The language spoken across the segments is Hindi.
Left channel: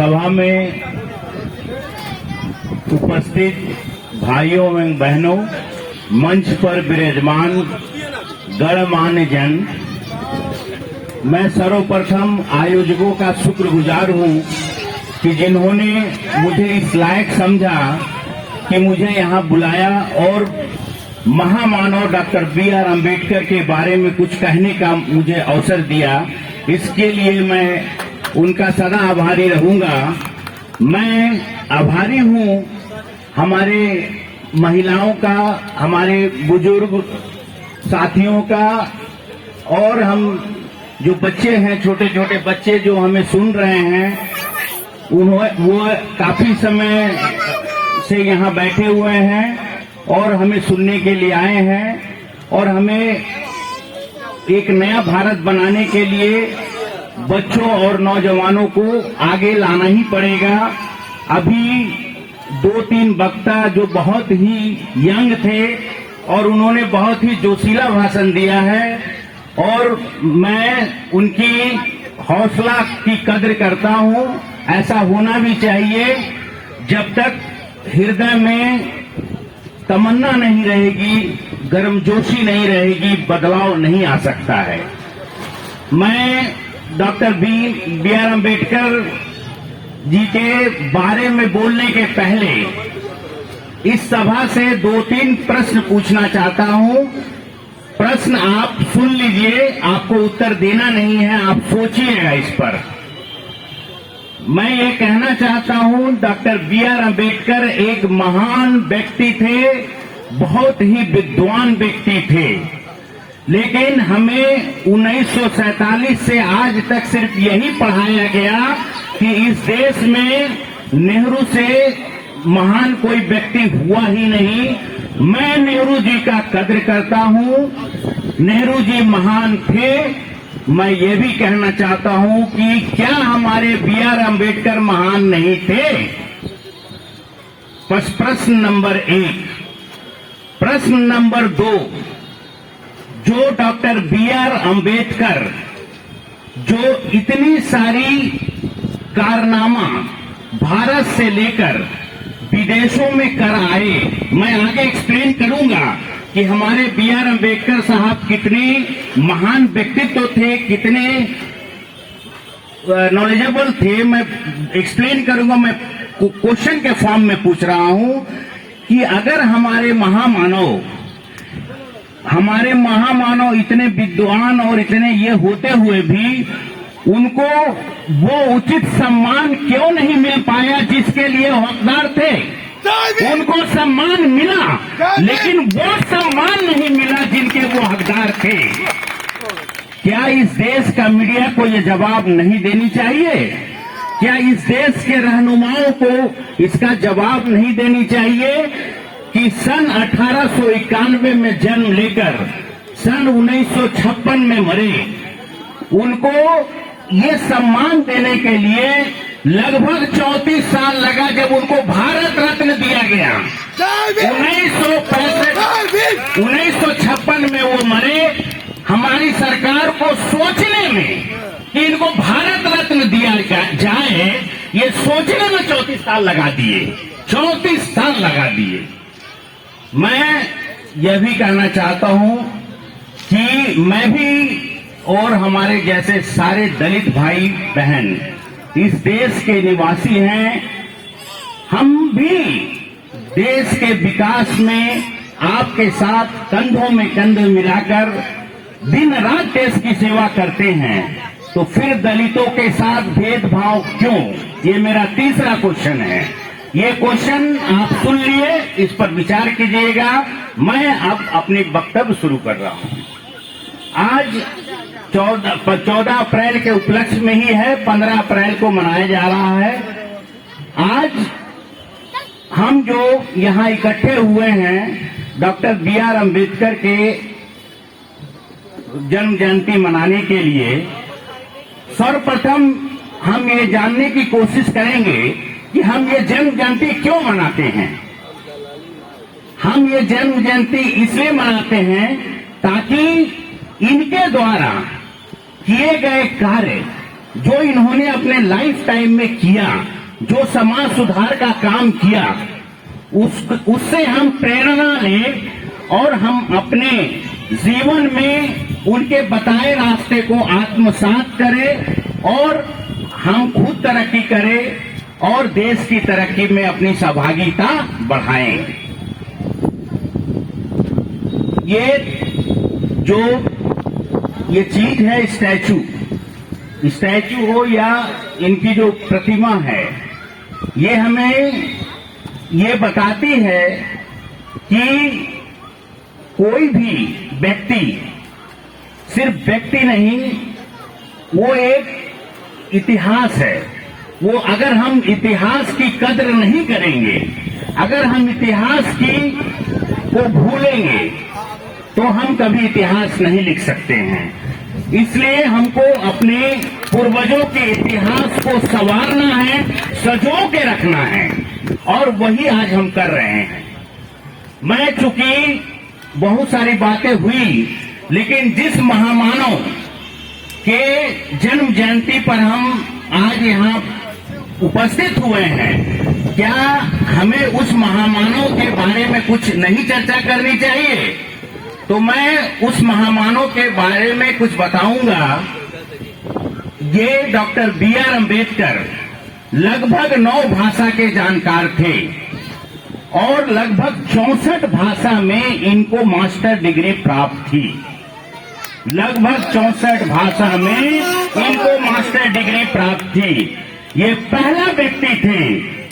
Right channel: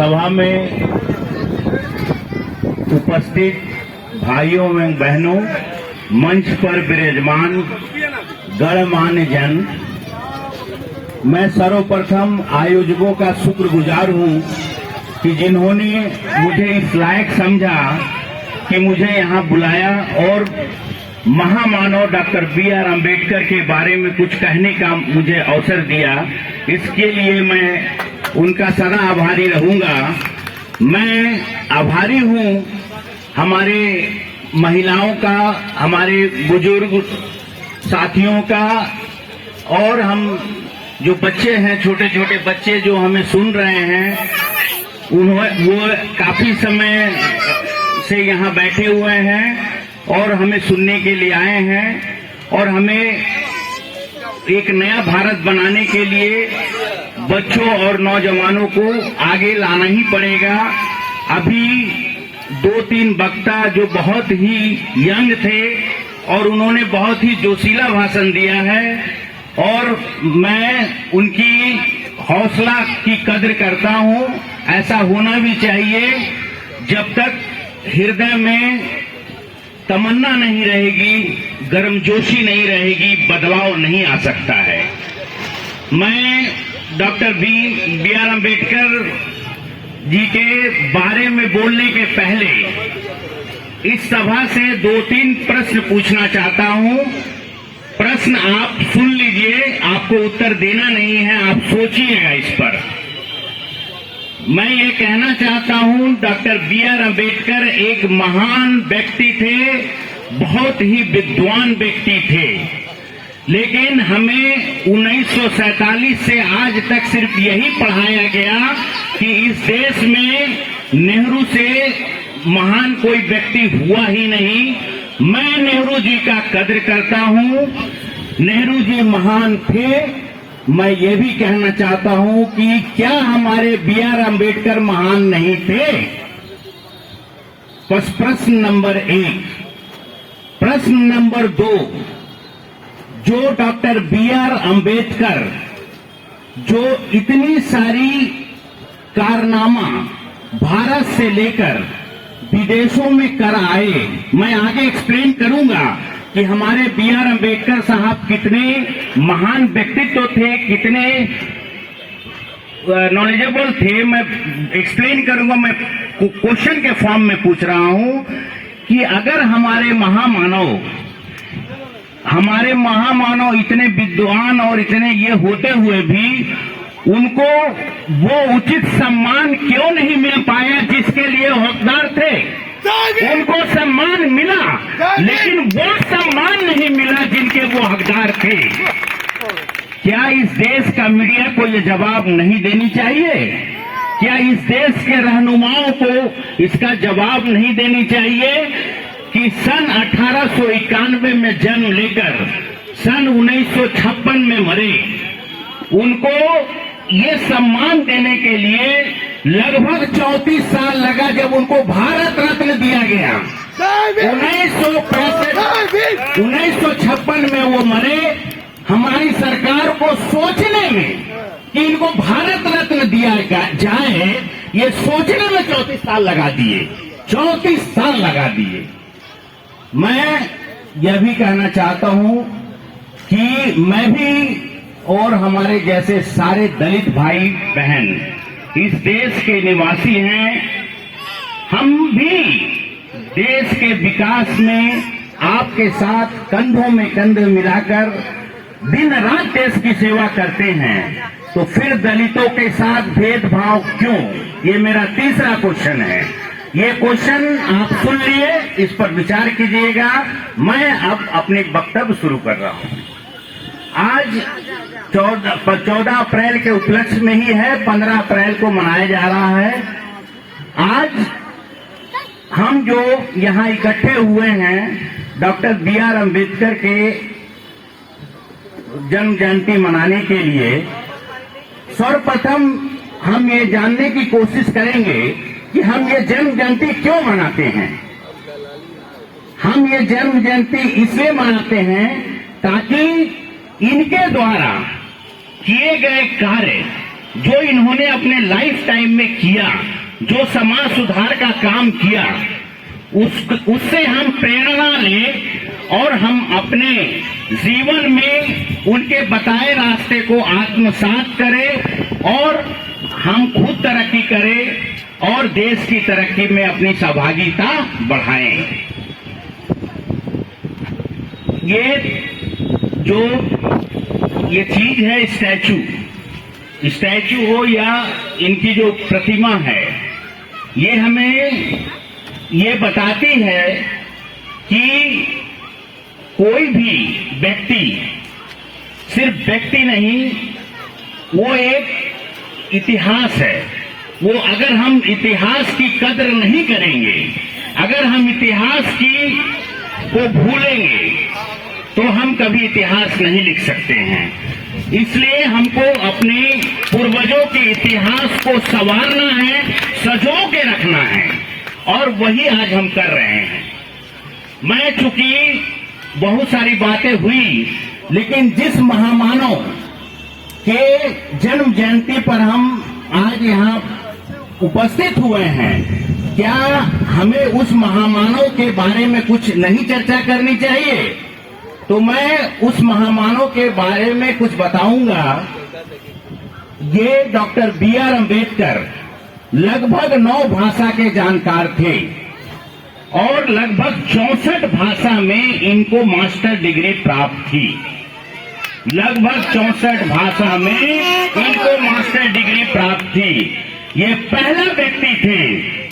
सभा में उपस्थित भाइयों एवं बहनों, मंच पर विराजमान गणमान्य जन, मैं सर्वप्रथम आयोजकों का शुक्रगुजार हूं कि जिन्होंने मुझे इस लायक समझा कि मुझे यहां बुलाया और महामानव डॉक्टर बी.आर. अम्बेडकर के बारे में कुछ कहने का मुझे अवसर दिया। इसके लिए मैं उनका सदा आभारी रहूंगा। मैं आभारी हूं हमारे महिलाओं का, हमारे बुजुर्ग साथियों का, और हम जो बच्चे हैं, छोटे छोटे बच्चे जो हमें सुन रहे हैं, वो काफी समय से यहाँ बैठे हुए हैं और हमें सुनने के लिए आए हैं। और हमें एक नया भारत बनाने के लिए बच्चों और नौजवानों को आगे लाना ही पड़ेगा। अभी 2-3 वक्ता जो बहुत ही यंग थे और उन्होंने बहुत ही जोशीला भाषण दिया है और मैं उनकी हौसला की कद्र करता हूं। ऐसा होना भी चाहिए। जब तक हृदय में तमन्ना नहीं रहेगी, गर्मजोशी नहीं रहेगी, बदलाव नहीं आ सकता है। मैं डॉक्टर बी.आर. अम्बेडकर जी के बारे में बोलने के पहले इस सभा से 2-3 प्रश्न पूछना चाहता हूं। प्रश्न आप सुन लीजिए, आपको उत्तर देना नहीं है, आप सोचिएगा इस पर। मैं ये कहना चाहता हूं, डॉक्टर बी.आर. अम्बेडकर एक महान व्यक्ति थे, बहुत ही विद्वान व्यक्ति थे, लेकिन हमें 1947 से आज तक सिर्फ यही पढ़ाया गया कि इस देश में नेहरू से महान कोई व्यक्ति हुआ ही नहीं। मैं नेहरू जी का कद्र करता हूं, नेहरू जी महान थे। मैं ये भी कहना चाहता हूं कि क्या हमारे बी.आर. अम्बेडकर महान नहीं थे? प्रश्न नंबर 1। प्रश्न नंबर 2, जो डॉक्टर बी.आर. अम्बेडकर जो इतनी सारी कारनामा भारत से लेकर विदेशों में कर आए, मैं आगे एक्सप्लेन करूंगा कि हमारे बी.आर. अम्बेडकर साहब कितने महान व्यक्तित्व थे, कितने नॉलेजेबल थे। मैं एक्सप्लेन करूंगा। मैं क्वेश्चन के फॉर्म में पूछ रहा हूं कि अगर हमारे महामानव इतने विद्वान और इतने ये होते हुए भी उनको वो उचित सम्मान क्यों नहीं मिल पाया जिसके लिए हकदार थे? उनको सम्मान मिला, लेकिन वो सम्मान नहीं मिला जिनके वो हकदार थे। क्या इस देश का मीडिया को ये जवाब नहीं देनी चाहिए? क्या इस देश के रहनुमाओं को इसका जवाब नहीं देनी चाहिए कि सन 1891 में जन्म लेकर सन 1956 में मरे, उनको ये सम्मान देने के लिए लगभग 34 साल लगा जब उनको भारत रत्न दिया गया। 1956 में वो मरे। हमारी सरकार को सोचने में कि इनको भारत रत्न दिया जाए, ये सोचने में 34 साल लगा दिए। 34 साल लगा दिए। मैं यह भी कहना चाहता हूं कि मैं भी और हमारे जैसे सारे दलित भाई बहन इस देश के निवासी हैं। हम भी देश के विकास में आपके साथ कंधों में कंध मिलाकर दिन रात देश की सेवा करते हैं, तो फिर दलितों के साथ भेदभाव क्यों? ये मेरा तीसरा क्वेश्चन है। ये क्वेश्चन आप सुन लिए, इस पर विचार कीजिएगा। मैं अब अपनी वक्तव्य शुरू कर रहा हूं। आज 14 अप्रैल के उपलक्ष्य में ही है, 15 अप्रैल को मनाया जा रहा है। आज हम जो यहाँ इकट्ठे हुए हैं डॉक्टर बी.आर. अम्बेडकर के जन्म जयंती मनाने के लिए, सर्वप्रथम हम ये जानने की कोशिश करेंगे कि हम ये जन्म जयंती क्यों मनाते हैं। हम ये जन्म जयंती इसलिए मनाते हैं ताकि इनके द्वारा किए गए कार्य जो इन्होंने अपने लाइफ टाइम में किया, जो समाज सुधार का काम किया, उससे हम प्रेरणा लें और हम अपने जीवन में उनके बताए रास्ते को आत्मसात करें और हम खुद तरक्की करें और देश की तरक्की में अपनी सहभागिता बढ़ाएं। ये चीज है स्टैचू हो या इनकी जो प्रतिमा है, ये हमें ये बताती है कि कोई भी व्यक्ति सिर्फ व्यक्ति नहीं, वो एक इतिहास है। वो अगर हम इतिहास की कद्र नहीं करेंगे, अगर हम इतिहास को भूलेंगे, तो हम कभी इतिहास नहीं लिख सकते हैं। इसलिए हमको अपने पूर्वजों के इतिहास को संवारना है, सजो के रखना है, और वही आज हम कर रहे हैं। मैं चूंकि बहुत सारी बातें हुई, लेकिन जिस महामानव के जन्म जयंती पर हम आज यहाँ उपस्थित हुए हैं, क्या हमें उस महामानव के बारे में कुछ नहीं चर्चा करनी चाहिए? तो मैं उस महामानव के बारे में कुछ बताऊंगा। ये डॉक्टर B.R. अम्बेडकर लगभग 9 भाषा के जानकार थे और लगभग 64 भाषा में इनको मास्टर डिग्री प्राप्त थी। लगभग 64 भाषा में इनको मास्टर डिग्री प्राप्त थी। ये पहला व्यक्ति थे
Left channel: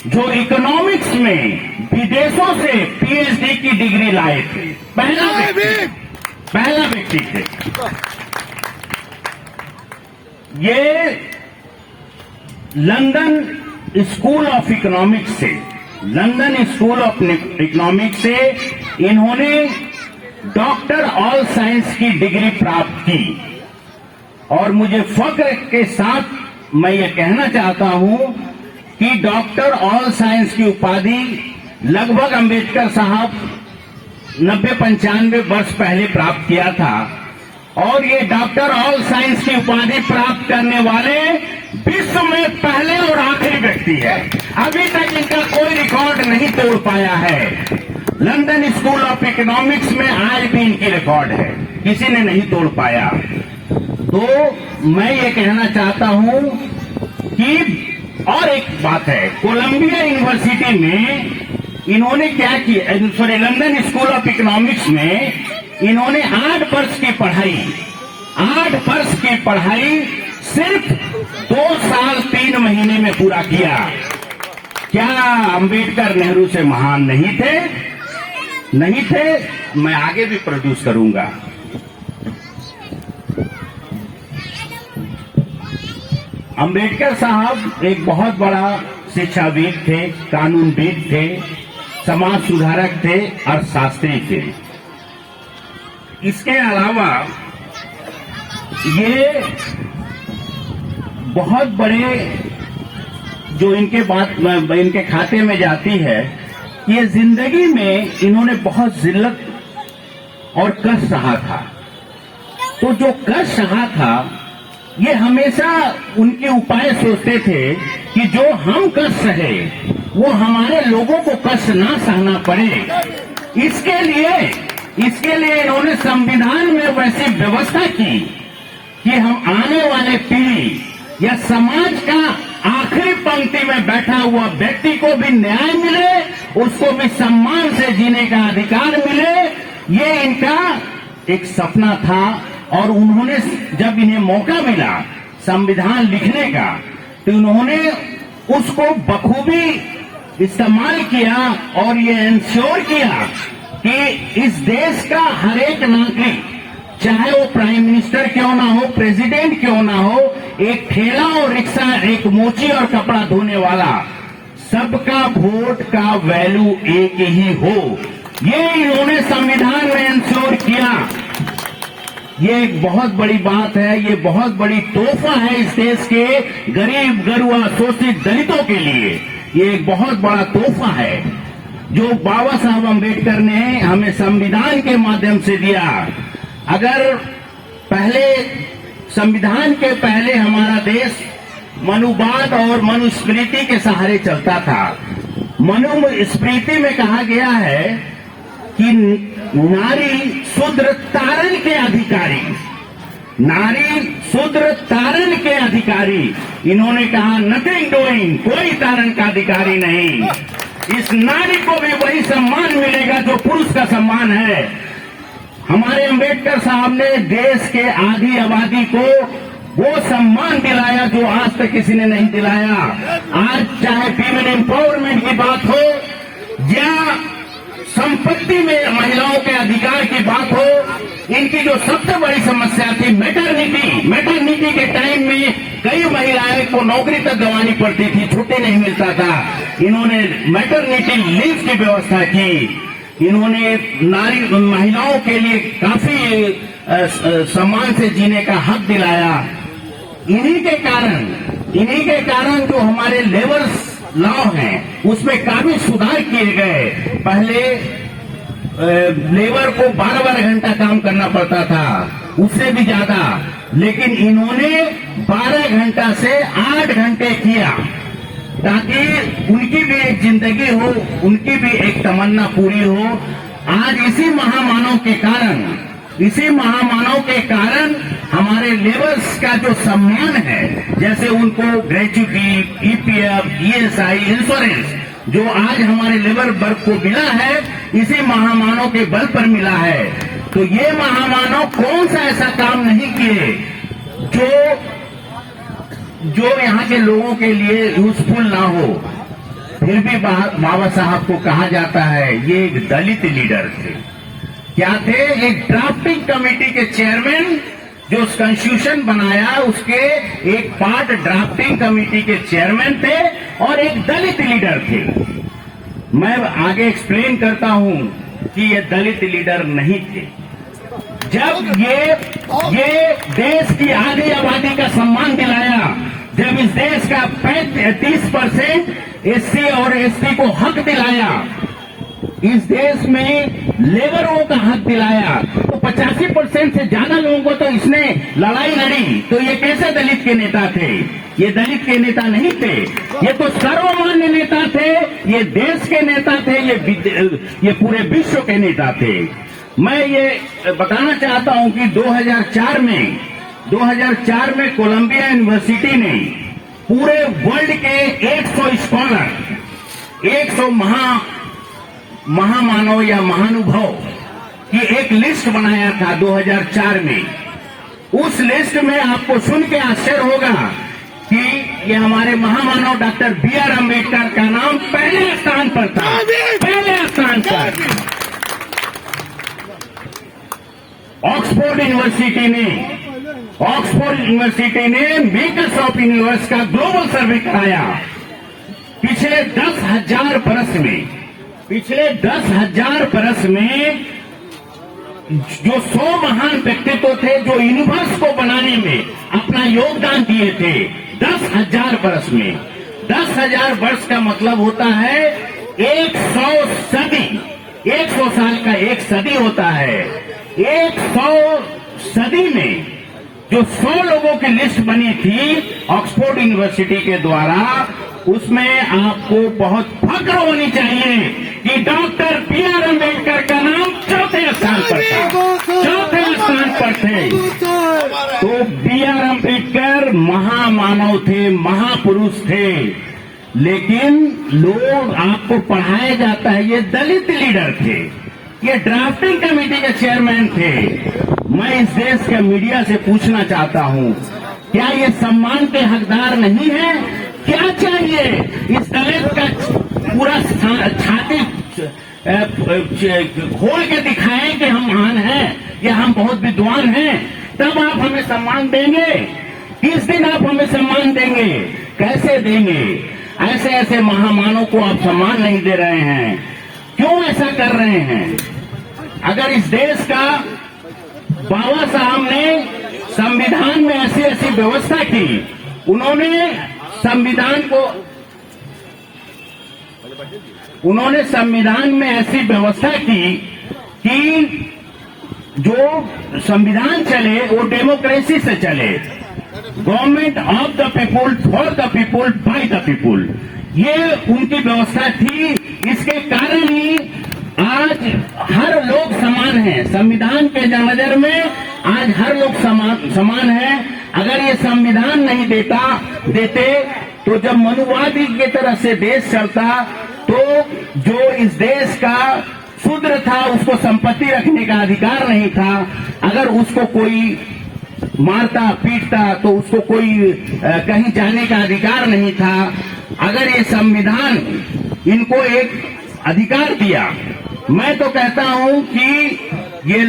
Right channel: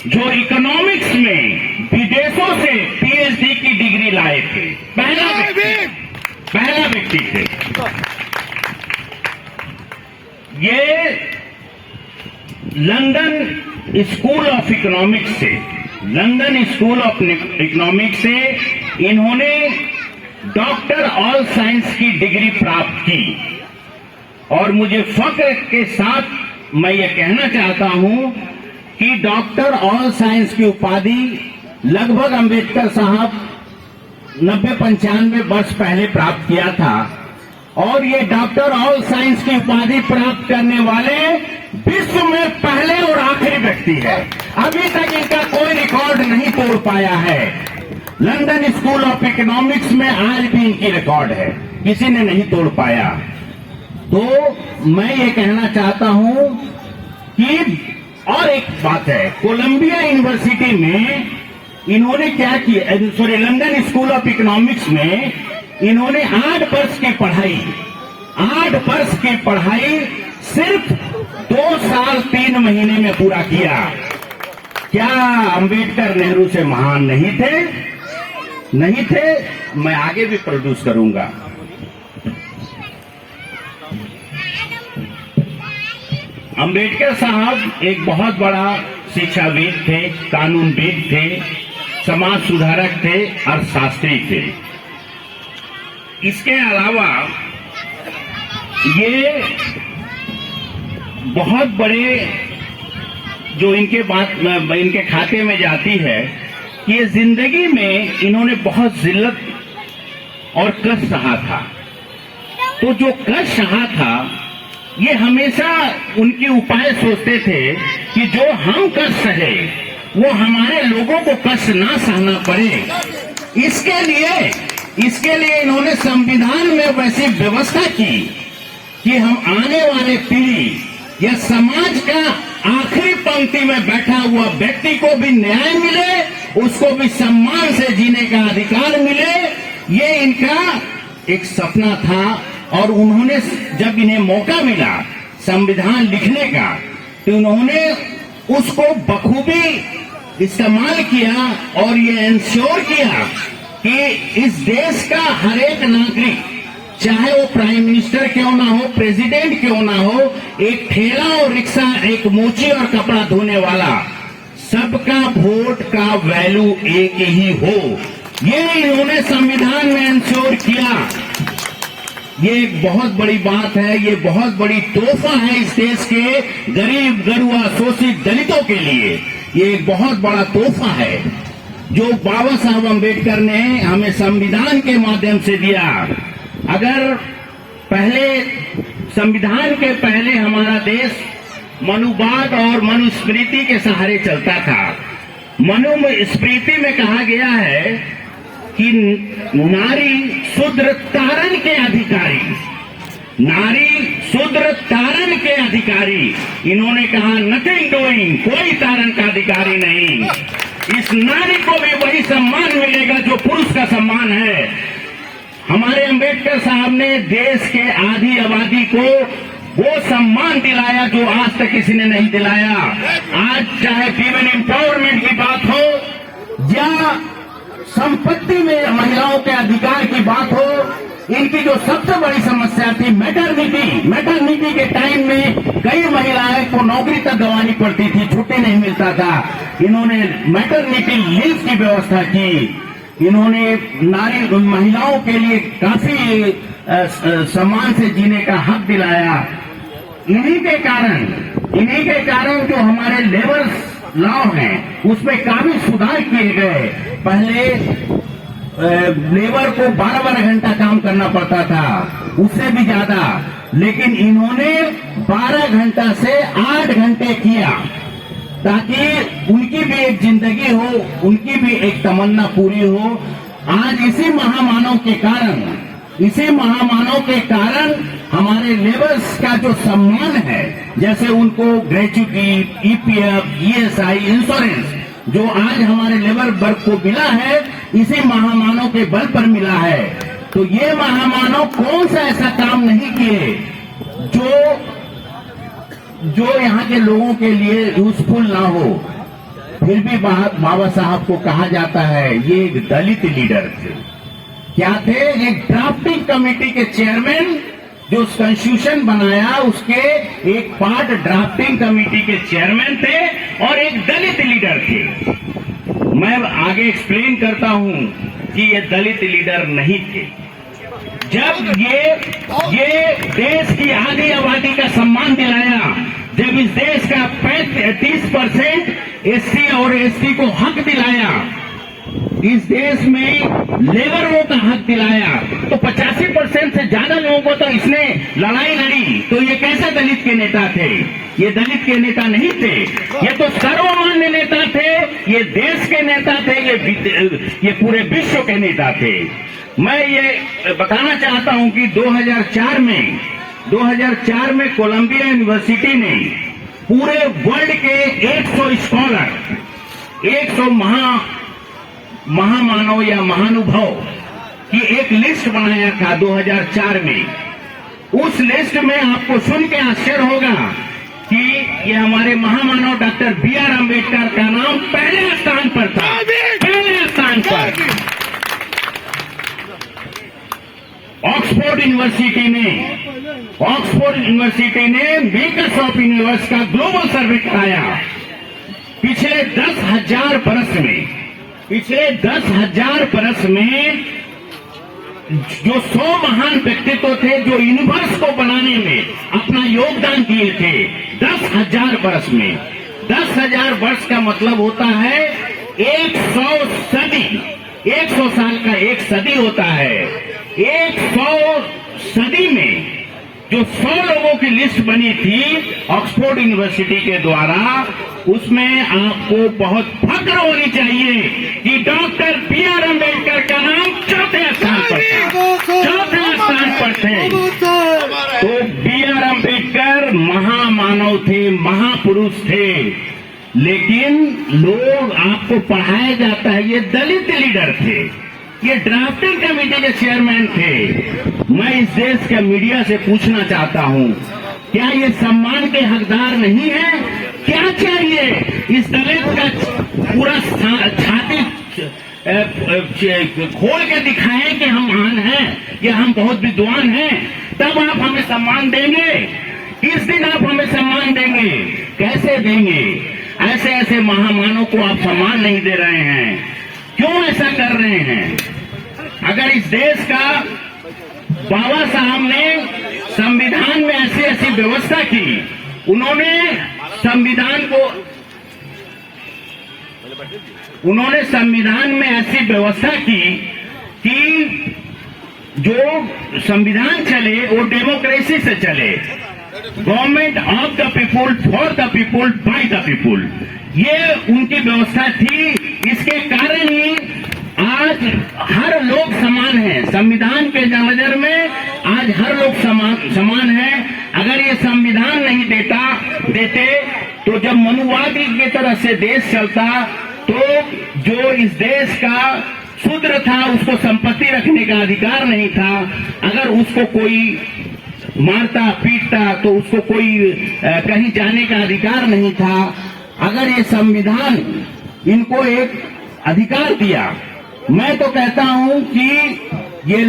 जो इकोनॉमिक्स में विदेशों से PhD की डिग्री लाए थे। पहला व्यक्ति थे ये। लंदन स्कूल ऑफ इकोनॉमिक्स से इन्होंने डॉक्टर ऑल साइंस की डिग्री प्राप्त की। और मुझे फख्र के साथ मैं ये कहना चाहता हूं कि डॉक्टर ऑल साइंस की उपाधि लगभग अंबेडकर साहब 90-95 वर्ष पहले प्राप्त किया था। और ये डॉक्टर ऑल साइंस की उपाधि प्राप्त करने वाले विश्व में पहले और आखिरी व्यक्ति है। अभी तक इनका कोई रिकॉर्ड नहीं तोड़ पाया है। लंदन स्कूल ऑफ इकोनॉमिक्स में आज भी इनकी रिकॉर्ड है, किसी ने नहीं तोड़ पाया। तो मैं ये कहना चाहता हूं कि और एक बात है, कोलंबिया यूनिवर्सिटी में इन्होंने क्या किया, लंदन स्कूल ऑफ इकोनॉमिक्स में इन्होंने 8 वर्ष की पढ़ाई सिर्फ 2 साल 3 महीने में पूरा किया। क्या अंबेडकर नेहरू से महान नहीं थे? मैं आगे भी प्रोड्यूस करूंगा। अंबेडकर साहब एक बहुत बड़ा शिक्षाविद थे, कानूनविद थे, समाज सुधारक थे, अर्थशास्त्री थे। इसके अलावा ये बहुत बड़े जो इनके खाते में जाती है कि ये जिंदगी में इन्होंने बहुत जिल्लत और कष्ट सहा था। तो जो कष्ट सहा था, ये हमेशा उनके उपाय सोचते थे कि जो हम कष्ट सहे वो हमारे लोगों को कष्ट ना सहना पड़े। इसके लिए इन्होंने संविधान में वैसी व्यवस्था की कि हम आने वाले पीढ़ी या समाज का आखिरी पंक्ति में बैठा हुआ व्यक्ति को भी न्याय मिले, उसको भी सम्मान से जीने का अधिकार मिले। ये इनका एक सपना था। और उन्होंने जब इन्हें मौका मिला संविधान लिखने का, तो उन्होंने उसको बखूबी इस्तेमाल किया और ये इंश्योर किया कि इस देश का हर एक नागरिक, चाहे वो प्राइम मिनिस्टर क्यों ना हो, प्रेसिडेंट क्यों ना हो, एक ठेला और रिक्शा, एक मोची और कपड़ा धोने वाला, सबका वोट का वैल्यू एक ही हो। ये इन्होंने संविधान में इंश्योर किया। ये एक बहुत बड़ी बात है, ये बहुत बड़ी तोहफा है इस देश के गरीब, गरुआ, शोषित दलितों के लिए। ये एक बहुत बड़ा तोहफा है जो बाबा साहब अम्बेडकर ने हमें संविधान के माध्यम से दिया। अगर पहले संविधान के पहले हमारा देश मनुवाद और मनुस्मृति के सहारे चलता था। मनुस्मृति में कहा गया है कि नारी शूद्र तारण के अधिकारी, नारी शूद्र तारण के अधिकारी। इन्होंने कहा नथिंग डूइंग, कोई तारण का अधिकारी नहीं। इस नारी को भी वही सम्मान मिलेगा जो पुरुष का सम्मान है। हमारे अंबेडकर साहब ने देश के आधी आबादी को वो सम्मान दिलाया जो आज तक किसी ने नहीं दिलाया। आज चाहे फीमेल एम्पावरमेंट की बात हो या संपत्ति में महिलाओं के अधिकार की बात हो, इनकी जो सबसे बड़ी समस्या थी मैटरनिटी के टाइम में कई महिलाएं को नौकरी तक गंवानी पड़ती थी, छुट्टी नहीं मिलता था। इन्होंने मैटरनिटी लीव की व्यवस्था की। इन्होंने महिलाओं के लिए काफी सम्मान से जीने का हक दिलाया। इन्हीं के कारण जो हमारे लेबर लॉ हैं उसमें काफी सुधार किए गए। पहले लेबर को 12-12 घंटा काम करना पड़ता था, उससे भी ज्यादा, लेकिन इन्होंने 12 घंटा से 8 घंटे किया ताकि उनकी भी एक जिंदगी हो, उनकी भी एक तमन्ना पूरी हो। आज इसी महामानव के कारण हमारे लेबर्स का जो सम्मान है, जैसे उनको ग्रेच्युटी, ईपीएफ, ईएसआई, इंश्योरेंस जो आज हमारे लेबर वर्ग को मिला है, इसी महामानव के बल पर मिला है। तो ये महामानव कौन सा ऐसा काम नहीं किए जो यहाँ के लोगों के लिए यूजफुल ना हो। फिर भी बाबा साहब को कहा जाता है ये एक दलित लीडर थे। क्या थे? एक ड्राफ्टिंग कमेटी के चेयरमैन, जो कॉन्स्टिट्यूशन बनाया उसके एक पार्ट ड्राफ्टिंग कमेटी के चेयरमैन थे और एक दलित लीडर थे। मैं आगे एक्सप्लेन करता हूं कि ये दलित लीडर नहीं थे। जब ये देश की आधी आबादी का सम्मान दिलाया, जब इस देश का 30% एससी और एसटी को हक दिलाया, इस देश में लेबरों का हक दिलाया, तो 85% से ज्यादा लोगों को तो इसने लड़ाई लड़ी। तो ये कैसे दलित के नेता थे? ये दलित के नेता नहीं थे, ये तो सर्वमान्य नेता थे, ये देश के नेता थे, ये पूरे विश्व के नेता थे। मैं ये बताना चाहता हूं कि 2004 में कोलंबिया यूनिवर्सिटी ने पूरे वर्ल्ड के 100 स्कॉलर, 100 महामानव या महानुभव की एक लिस्ट बनाया था 2004 में। उस लिस्ट में आपको सुन के आश्चर्य होगा कि ये हमारे महामानव डॉक्टर बी.आर. अम्बेडकर का नाम पहले स्थान पर था, पहले स्थान पर। ऑक्सफोर्ड यूनिवर्सिटी ने माइक्रोसॉफ्ट यूनिवर्स का ग्लोबल सर्वे कराया। पिछले 10,000 बरस में जो 100 महान व्यक्तित्व थे जो यूनिवर्स को बनाने में अपना योगदान दिए थे, 10,000 बरस में। 10,000 वर्ष का मतलब होता है 100 सदी। 100 साल का एक सदी होता है। 100 सदी में जो 100 लोगों की लिस्ट बनी थी ऑक्सफोर्ड यूनिवर्सिटी के द्वारा, उसमें आपको बहुत फक्र होनी चाहिए कि डॉक्टर बी.आर. अम्बेडकर का नाम चौथे स्थान पर था, चौथे स्थान पर थे। तो बी.आर. अम्बेडकर महामानव थे, महापुरुष थे, लेकिन लोग आपको पढ़ाया जाता है ये दलित लीडर थे, ये ड्राफ्टिंग कमेटी के चेयरमैन थे। मैं इस देश के मीडिया से पूछना चाहता हूं, क्या ये सम्मान के हकदार नहीं है? क्या चाहिए? इस दलित का पूरा छाती खोल के दिखाएं कि हम महान हैं या हम बहुत विद्वान हैं, तब आप हमें सम्मान देंगे। किस दिन आप हमें सम्मान देंगे? कैसे देंगे? ऐसे महामानव को आप सम्मान नहीं दे रहे हैं, क्यों ऐसा कर रहे हैं? अगर इस देश का बाबा साहब ने संविधान में ऐसी व्यवस्था की, उन्होंने संविधान में ऐसी व्यवस्था की कि जो संविधान चले वो डेमोक्रेसी से चले, government of the people, for the people, by the people, ये उनकी व्यवस्था थी। इसके कारण ही आज हर लोग समान है। संविधान के नजर में आज हर लोग समान है। अगर ये संविधान नहीं देते तो जब मनुवादी की तरह से देश चलता तो जो इस देश का शूद्र था उसको संपत्ति रखने का अधिकार नहीं था। अगर उसको कोई मारता पीटता तो उसको कोई कहीं जाने का अधिकार नहीं था। अगर ये संविधान इनको एक अधिकार दिया, मैं तो कहता हूं कि ये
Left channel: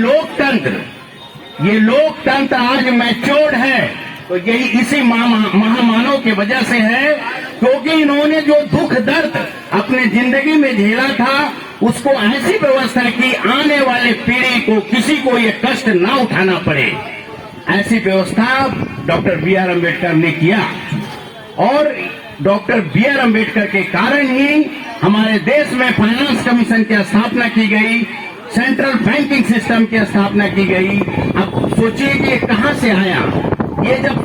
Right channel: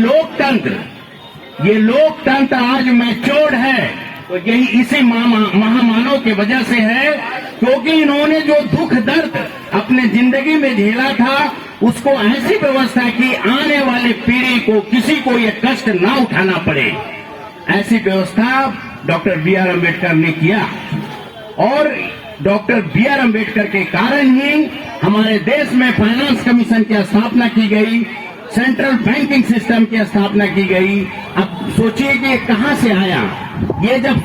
लोकतंत्र आज मैच्योर्ड है तो यही इसी महामानव की वजह से है, क्योंकि इन्होंने जो दुख दर्द अपने जिंदगी में झेला था उसको ऐसी व्यवस्था की आने वाले पीढ़ी को किसी को ये कष्ट ना उठाना पड़े। ऐसी व्यवस्था डॉक्टर बी आर अम्बेडकर ने किया और डॉक्टर बी आर अम्बेडकर के कारण ही हमारे देश में फाइनेंस कमीशन की स्थापना की गई, सेंट्रल बैंकिंग सिस्टम की स्थापना की गई। अब सोचिए कि कहां से आया। ये जब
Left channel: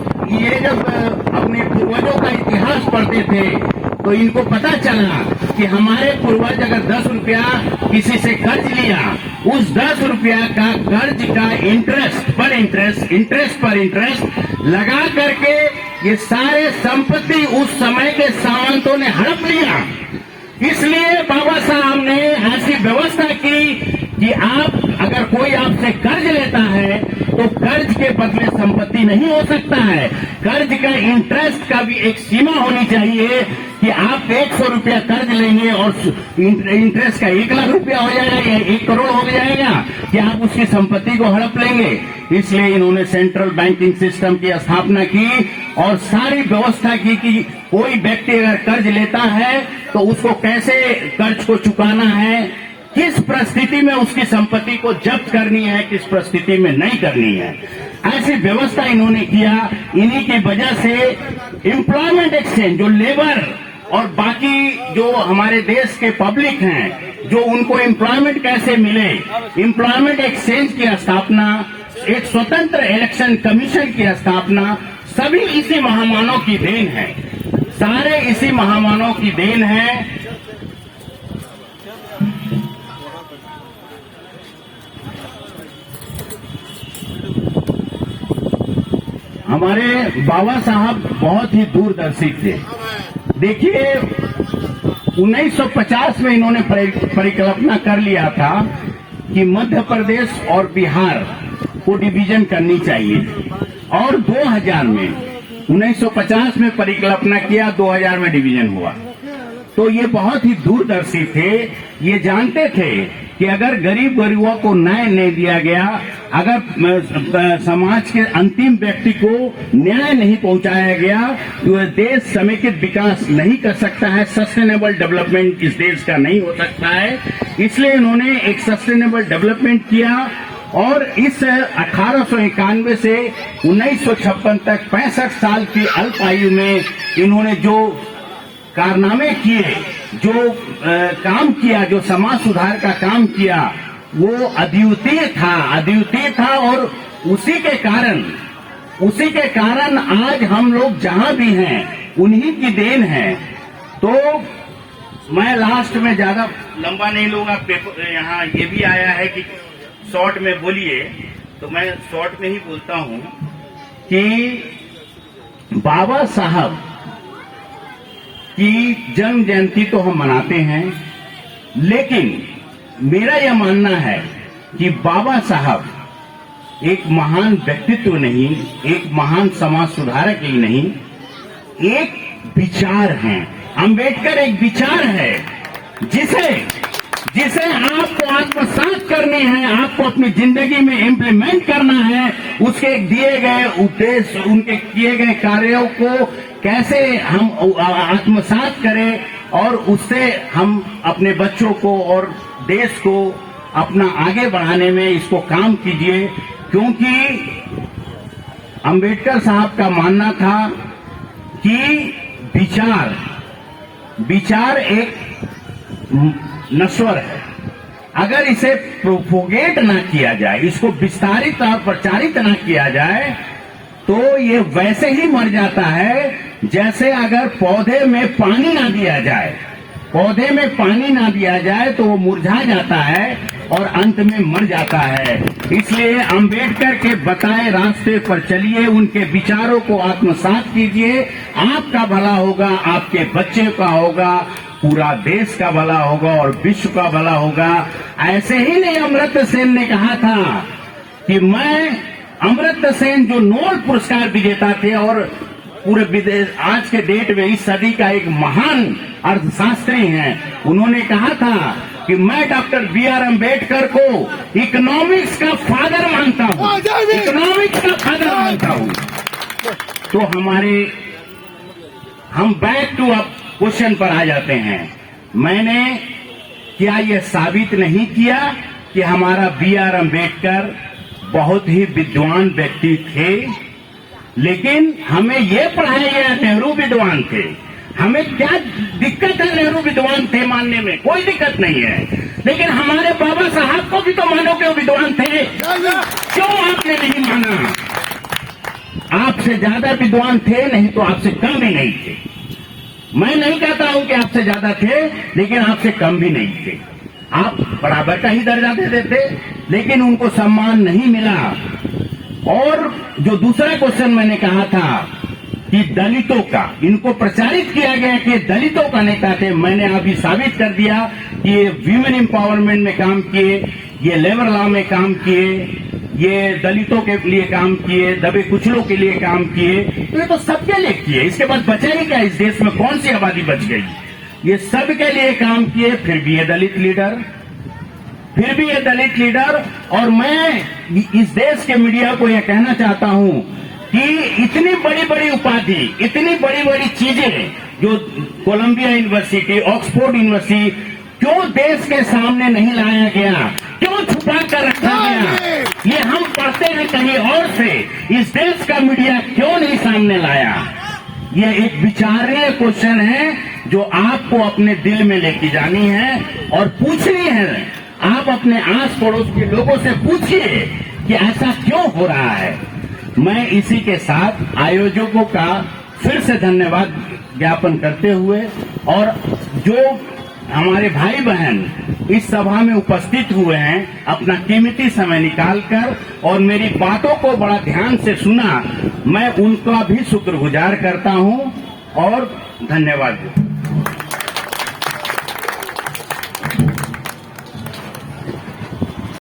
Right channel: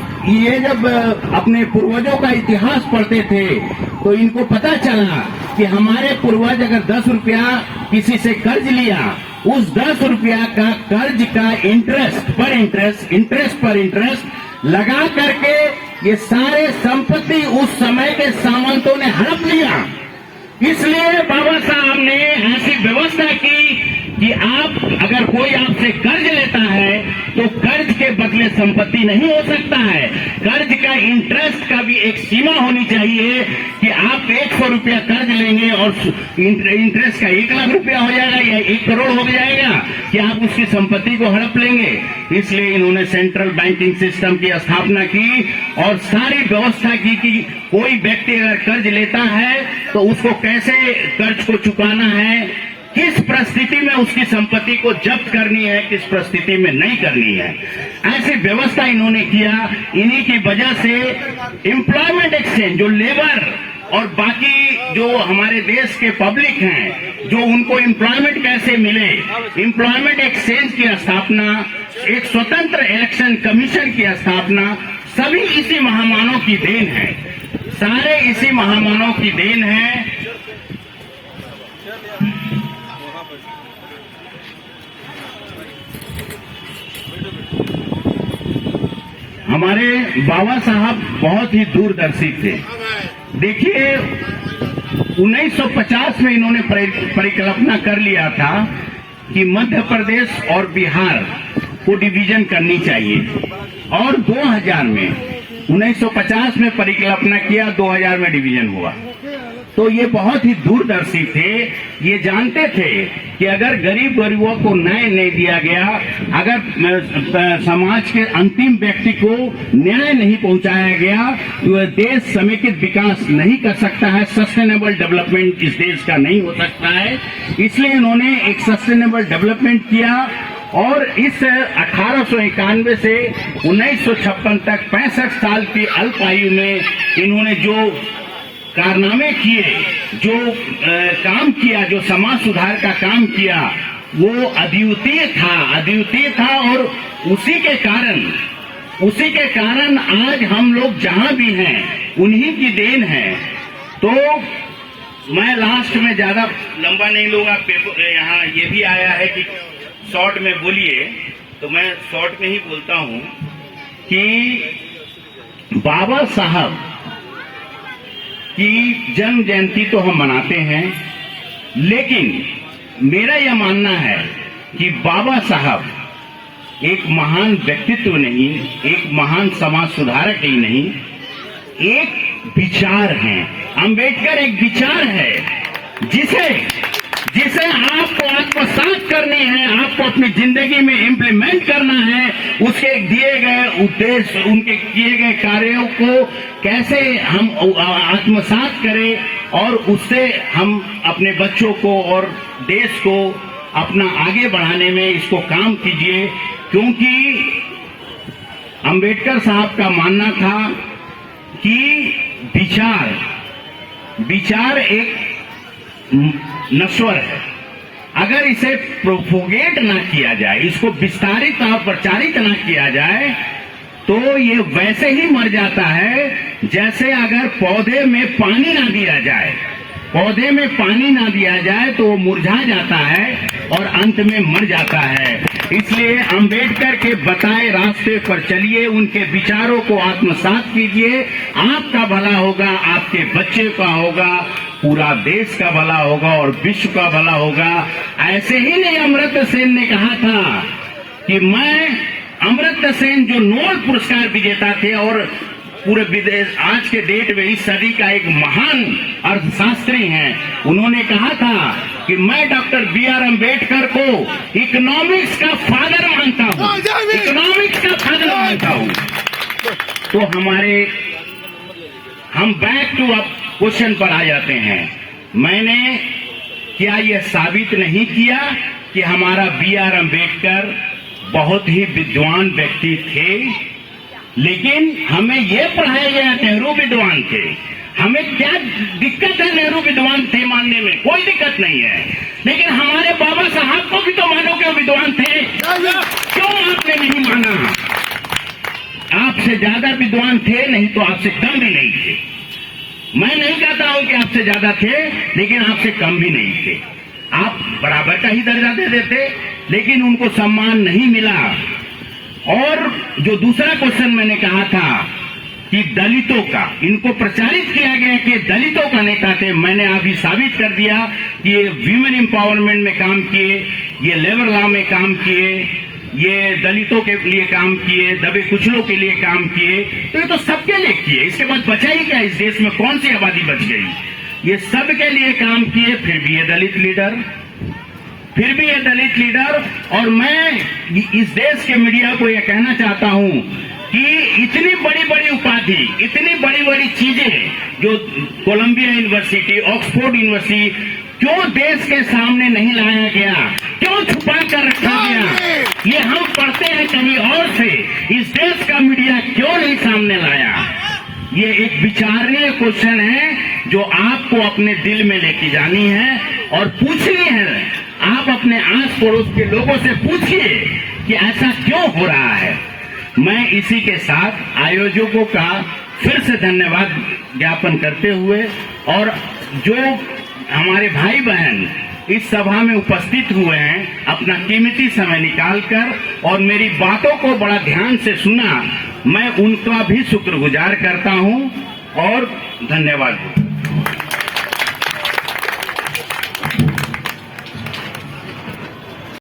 अपने पूर्वजों का इतिहास पढ़ते थे तो इनको पता चला कि हमारे पूर्वज अगर 10 रुपया किसी से कर्ज लिया, उस 10 रुपया का कर्ज का इंटरेस्ट पर इंटरेस्ट लगा करके ये सारे संपत्ति उस समय के सामंतों ने हड़प लिया। इसलिए बाबा साहब ने ऐसी व्यवस्था की कि आप अगर कोई आपसे कर्ज लेता है तो कर्ज के बदले संपत्ति नहीं हो सकता है। कर्ज का इंटरेस्ट का भी एक सीमा होनी चाहिए कि आप 100 रुपया कर्ज लेंगे और इंटरेस्ट का 1 लाख रुपया हो जाएगा या 1 करोड़ हो जाएगा कि आप उसकी संपत्ति को हड़प लेंगे। इसलिए इन्होंने सेंट्रल बैंकिंग सिस्टम की स्थापना की और सारी व्यवस्था की कि कोई व्यक्ति अगर कर्ज लेता है तो उसको कैसे कर्ज को चुकाना है, किस परिस्थिति में उसकी संपत्ति को जब्त करनी है, किस परिस्थिति में नहीं करनी है। ऐसी व्यवस्था इन्होंने किया। इन्हीं की वजह से एम्प्लॉयमेंट एक्सचेंज, जो लेबर और बाकी जो हमारे देश के पब्लिक हैं, जो उनको एम्प्लॉयमेंट कैसे मिले, एम्प्लॉयमेंट एक्सचेंज की स्थापना, एक स्वतंत्र इलेक्शन कमीशन की स्थापना, सभी इसी महामानव की देन है। सारे इसी महामानव की देन है। हमारे बाबा साहब बहुत ही दूरदर्शी थे। देखिए 1950 में इन्होंने परिकल्पना कर लिया था कि मध्य प्रदेश और बिहार को डिवीजन करनी चाहिए और 2000 में 1950 में परिकल्पना किया, 2000 में डिवीजन हुआ। तो ये बहुत ही दूरदर्शी थे। ये जानते थे कि अगर गरीबों को न्याय नहीं दिया गया, अगर समाज के अंतिम व्यक्ति को न्याय नहीं पहुंचाया गया तो देश समेकित विकास नहीं कर सकता है, सस्टेनेबल डेवलपमेंट इस देश का नहीं हो सकता है। इसलिए इन्होंने एक सस्टेनेबल डेवलपमेंट किया और इस 1891 से 1956 तक 65 साल की अल्प आयु में इन्होंने जो कारनामे किए, जो काम किया, जो समाज सुधार का काम किया, वो अद्वितीय था और उसी के कारण आज हम लोग जहां भी हैं उन्हीं की देन है। तो मैं लास्ट में ज्यादा लंबा नहीं लूंगा। यहाँ ये भी आया है कि शॉर्ट में बोलिए, तो मैं शॉर्ट में ही बोलता हूं कि बाबा साहब की जन्म जयंती तो हम मनाते हैं, लेकिन मेरा यह मानना है कि बाबा साहब एक महान व्यक्तित्व नहीं, एक महान समाज सुधारक ही नहीं, एक विचार हैं। अंबेडकर एक विचार है जिसे आपको आत्मसात करनी है, आपको अपनी जिंदगी में इम्प्लीमेंट करना है। उसके दिए गए उद्देश्य, उनके किए गए कार्यों को कैसे हम आत्मसात करें और उससे हम अपने बच्चों को और देश को अपना आगे बढ़ाने में इसको काम कीजिए। क्योंकि अंबेडकर साहब का मानना था कि विचार एक नश्वर है, अगर इसे प्रोपोगेट ना किया जाए, इसको विस्तारित और प्रचारित ना किया जाए, तो ये वैसे ही मर जाता है जैसे अगर पौधे में पानी ना दिया जाए। पौधे में पानी ना दिया जाए तो वो मुरझा जाता है और अंत में मर जाता है। इसलिए अंबेडकर के बतलाए रास्ते पर चलिए, उनके विचारों को आत्मसात कीजिए। आपका भला होगा, आपके बच्चे का होगा, पूरा देश का भला होगा और विश्व का भला होगा। ऐसे ही नहीं अमर्त्य सेन ने कहा था कि मैं, अमर्त्य सेन जो नोबेल पुरस्कार विजेता थे और पूरे विदेश आज के डेट में इस सदी का एक महान अर्थशास्त्री हैं, उन्होंने कहा था कि मैं डॉक्टर बी.आर. अम्बेडकर को इकोनॉमिक्स का फादर मानता हूँ, इकोनॉमिक्स का फादर मानता हूँ। तो हम बैक टू अब क्वेश्चन पर आ जाते हैं। मैंने क्या यह साबित नहीं किया कि हमारा बी.आर. अम्बेडकर बहुत ही विद्वान व्यक्ति थे, लेकिन हमें यह पढ़ाया गया नेहरू विद्वान थे। हमें क्या दिक्कत है नेहरू विद्वान थे मानने में? कोई दिक्कत नहीं है, लेकिन हमारे बाबा साहब को भी तो मानो कि वो विद्वान थे। क्यों आपने नहीं माना? आपसे ज्यादा विद्वान थे, नहीं तो आपसे कम भी नहीं थे। मैं नहीं कहता हूं कि आपसे ज्यादा थे, लेकिन आपसे कम भी नहीं थे। आप बराबर का ही दर्जा दे देते, लेकिन उनको सम्मान नहीं मिला। और जो दूसरा क्वेश्चन मैंने कहा था कि दलितों का, इनको प्रचारित किया गया कि दलितों का नेता थे। मैंने अभी साबित कर दिया कि ये वीमेन एम्पावरमेंट में काम किए, ये लेबर लॉ में काम किए, ये दलितों के लिए काम किए, दबे कुचलों के लिए काम किए। तो ये तो सबके लिए किए। इसके बाद बचा ही क्या? इस देश में कौन सी आबादी बच गई? ये सबके लिए काम किए, फिर भी ये दलित लीडर, फिर भी ये दलित लीडर। और मैं इस देश के मीडिया को यह कहना चाहता हूं कि इतनी बड़ी बड़ी उपाधि, इतनी बड़ी बड़ी चीजें जो कोलंबिया यूनिवर्सिटी, ऑक्सफोर्ड यूनिवर्सिटी, क्यों देश के सामने नहीं लाया गया? क्यों छुपा कर रखा गया? ये हम पढ़ते हैं कहीं और से, इस देश का मीडिया क्यों नहीं सामने लाया? ये एक विचारणीय क्वेश्चन है जो आपको अपने दिल में लेके जानी है और पूछनी है। आप अपने आस पड़ोस के लोगों से पूछिए कि ऐसा क्यों हो रहा है। मैं इसी के साथ आयोजकों का फिर से धन्यवाद ज्ञापन करते हुए, और जो हमारे भाई बहन इस सभा में उपस्थित हुए हैं, अपना कीमती समय निकालकर और मेरी बातों को बड़ा ध्यान से सुना, मैं उनका भी शुक्रगुजार करता हूं और धन्यवाद।